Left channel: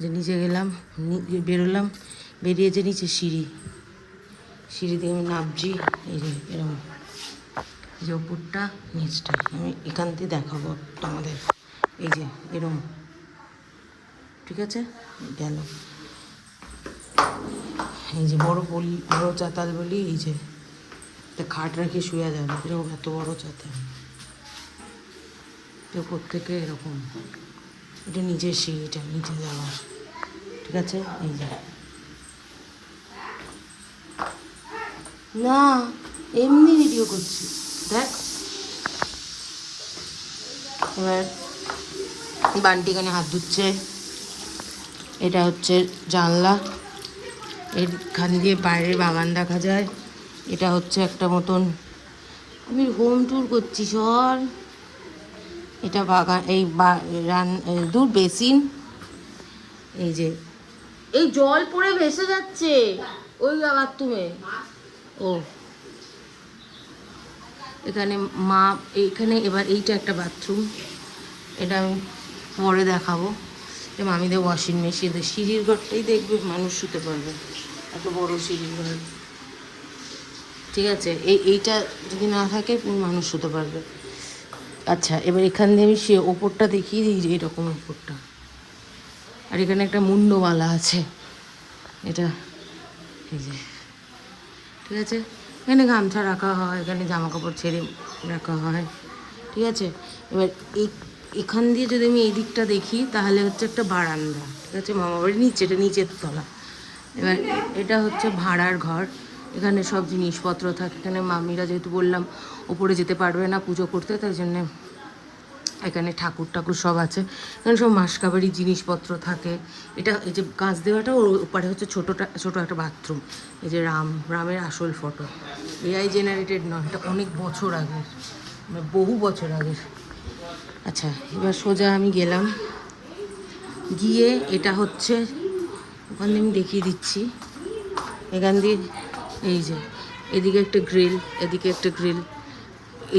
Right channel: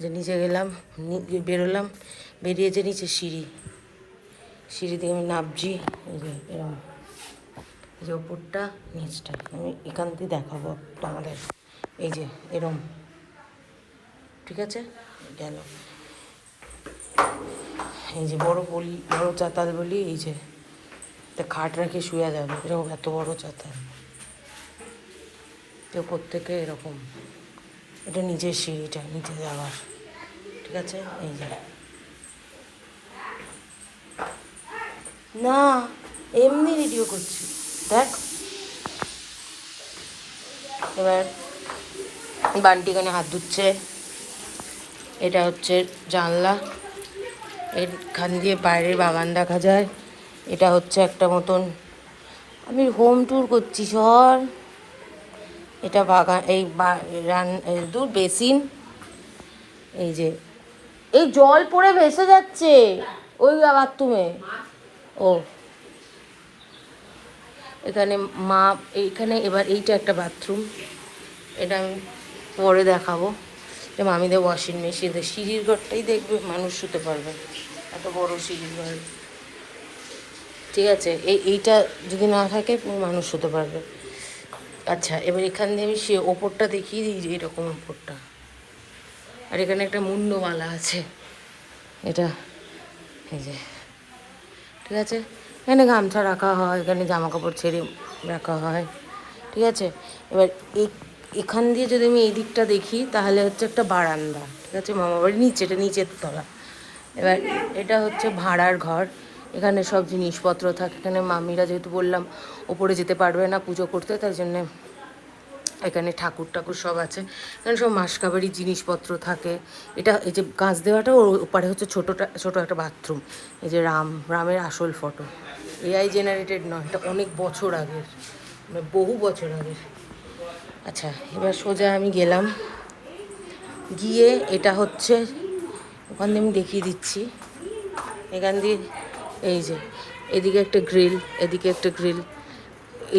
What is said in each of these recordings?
যে নিচে গেলাম, বেরোলাম, বেরিয়ে যে নিচে সিঁড়ি দিয়ে আমি নামছি। এই যে এরকম, এই যে ওপরটা নিচটা, আমি এখান থেকে দেখাবো আমাদের। এই যে এরম, ঠিক আছে, গেল। এই যে বড় চাতাল বলি, এই যে খাট রাখি শুয়ে যাবে, এরকম এত বড় চাতাল। ওপর থেকে এরকম, এটা নিচের সিঁড়িটা, নিচে যাওয়ার, ঠিক আছে। এই যে না, এমনি ভিডিও করছি, দেখ। এবার বান্টি এখানে হাত ধুচ্ছে। এটা হচ্ছে জানলা, এখান দিয়ে বাইরের বাগান দেখা যায়। এটা হচ্ছে একটা মতন, আমি হোম ট্যুর করছি সর। এটা বাগান, এই দূর বেসিন। এই যে এই জল পড়ে ভেসে যাচ্ছে ওই বাথরুমে। ও এখানে মা, এইখানে এবার এইটা একটা বাথরুম, এটা আমি পরে দেখাবো। এটা মামিদের ওয়াশিং মেশিন। সিঁড়ির ঘরটাই দেখবে মানুষ শুতে পারবে, এত বড় সিঁড়ির ঘর, ঠিক আছে। এইটা যদি না থাকে পুরো মানুষ শুতে পারবে। আচ্ছা, এবার এখান দিয়ে আমি সে ওপরটা দেখিয়ে দিই, যে এরকম ওপরটা। আর এখানে একটা মুন্ডমালা আছে, এটা এই যে, ঠিক আছে। এখানে গামছা রাখা হয়, এখানে জামা কাপড় ছেড়ে রাখা হয়, ঠিক আছে। এবার এখান দিয়ে যদি আমি এই দিকটা দেখি, তাহলে হচ্ছে একটা বারান্দা, ঠিক আছে। মামাবাড়ির নিচে, এটা নিচের তলা। এবার এটা হচ্ছে ভাড়ার ঘর, এখানে সব জিনিসপত্র থাকে। এখানে মামিরা, যেহেতু বললাম ওপরে যেতে পারবে না পুজো করতে, তাই জন্যে এখানে ঠাকুর সব আছে। এখানে সব মাসকাবাড়ির জিনিসপত্র থাকে। এটা এই যে কাঁচ দেওয়াটা, ওর ওপারে হচ্ছে ছোটো একটা বাথরুম। এই যে রামের আসল ফটো, এআই জেনারেটেড নয়, এটা অনেক বছর আগের, মানে বহু বছর আগের। আচ্ছা, এবার সোজা আমি গেলাম, গিয়ে এটা হচ্ছে ওখান দিয়ে আমি দেখিয়ে দিচ্ছি। এখান দিয়ে এই যে এদিকে একটা গ্রিল, এদিকে একটা গ্রিল,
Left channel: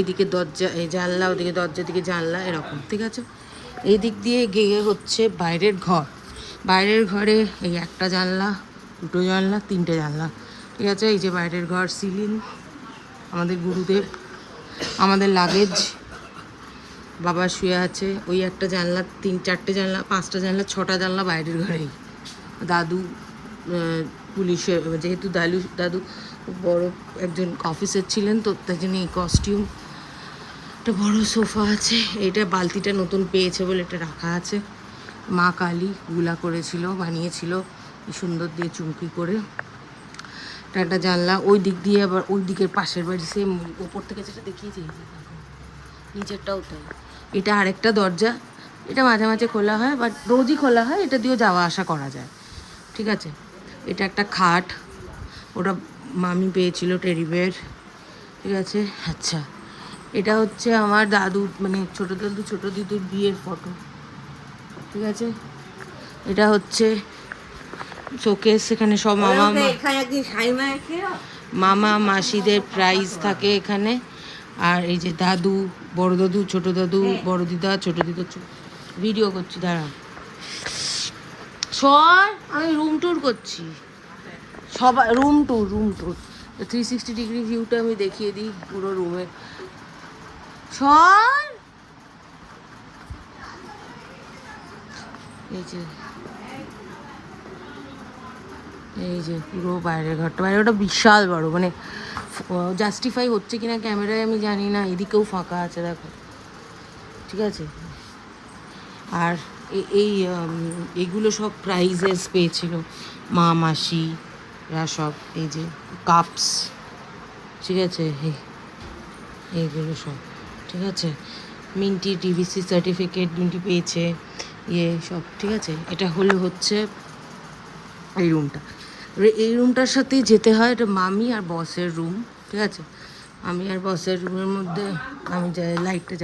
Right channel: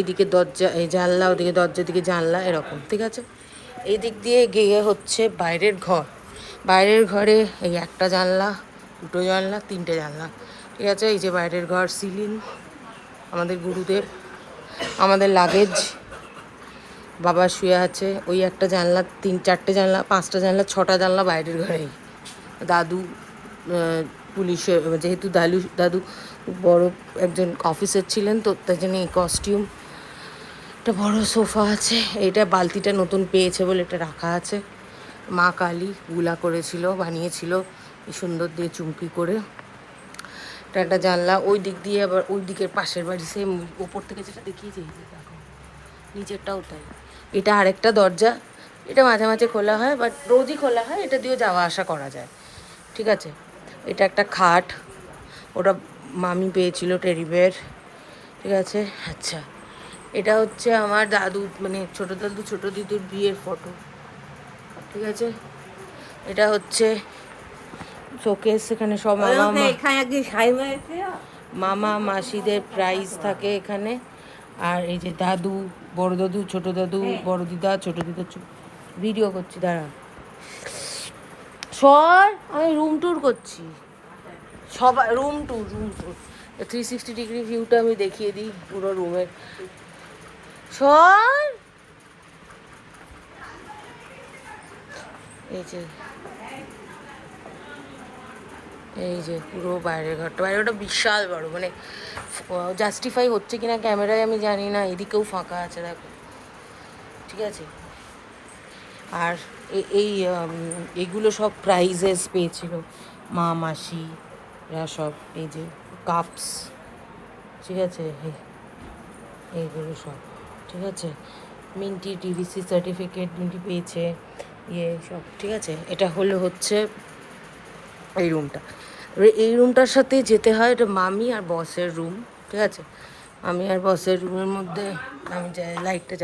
এদিকে দরজা, এই জানলা, ওদিকে দরজা, দিকে জানলা, এরকম, ঠিক আছে। এই দিক দিয়ে গিয়ে হচ্ছে বাইরের ঘর। বাইরের ঘরে এই একটা জানলা, দুটো জানলা, তিনটে জানলা, ঠিক আছে। এই যে বাইরের ঘর, সিলিং, আমাদের গুরুদেব, আমাদের লাগেজ, বাবা শুয়ে আছে। ওই একটা জানলা, চারটে জানলা, পাঁচটা জানলা, ছটা জানলা বাইরের ঘরেই। দাদু পুলিশের, যেহেতু দাদু বড় একজন অফিসার ছিলেন, তো তার জন্য এই কস্টিউম। একটা বড় সোফা আছে, এটা বালতিটা নতুন পেয়েছে বলে এটা রাখা আছে। মা কালী গুলা করেছিল, বানিয়েছিল এই সুন্দর দিয়ে চুমকি করে। এটা একটা জানলা, ওই দিক দিয়ে আবার ওই দিকের পাশের বাড়ি, সেম ওপর থেকে যেটা দেখিয়েছি, দেখো নিচেরটাও তাই। এটা আরেকটা দরজা, এটা মাঝে মাঝে খোলা হয়, বাট রোজই খোলা হয়, এটা দিয়েও যাওয়া আসা করা যায়, ঠিক আছে। এটা একটা খাট, ওটা মামি পেয়েছিল, টেডি বেয়ার, ঠিক আছে। আচ্ছা, এটা হচ্ছে আমার দাদু, মানে ছোটো দাদু ছোটো দিদির বিয়ের ফটো, ঠিক আছে। এটা হচ্ছে শোকেস, এখানে সব মামা মাসিদের প্রাইজ থাকে এখানে। আর এই যে দাদু, বড় দাদু, ছোটো দাদু, বড় দিদা, ছোটো দিদা, ভিডিও করছি, দাঁড়া সর, আমি রুম ট্যুর করছি, সবাই রুম ট্যুর 360 ডিগ্রি ভিউটা আমি দেখিয়ে দিই পুরো রুমের। সর, এই যে পুরো বাইরের ঘরটা, বাইরেটা বিশাল বড়, মানে জাস্টিফাই হচ্ছে কিনা ক্যামেরায় আমি জানি না। এদিকেও ফাঁকা আছে, দেখো, ঠিক আছে। আর এইগুলো সব প্রাইজেস পেয়েছিল মা মাসিরা সব। এই যে কাপস, ঠিক আছে, এইগুলো সব, ঠিক আছে। মিন্টি টিভিসি সার্টিফিকেট মিন্টি পেয়েছে, সব, ঠিক আছে। এটা হচ্ছে এই রুমটা। এই রুমটার সাথে যেতে হয়, এটা মামি আর বসের রুম, ঠিক আছে। আমি আর বসের রুমের মধ্যে আমি যাই, লাইটটা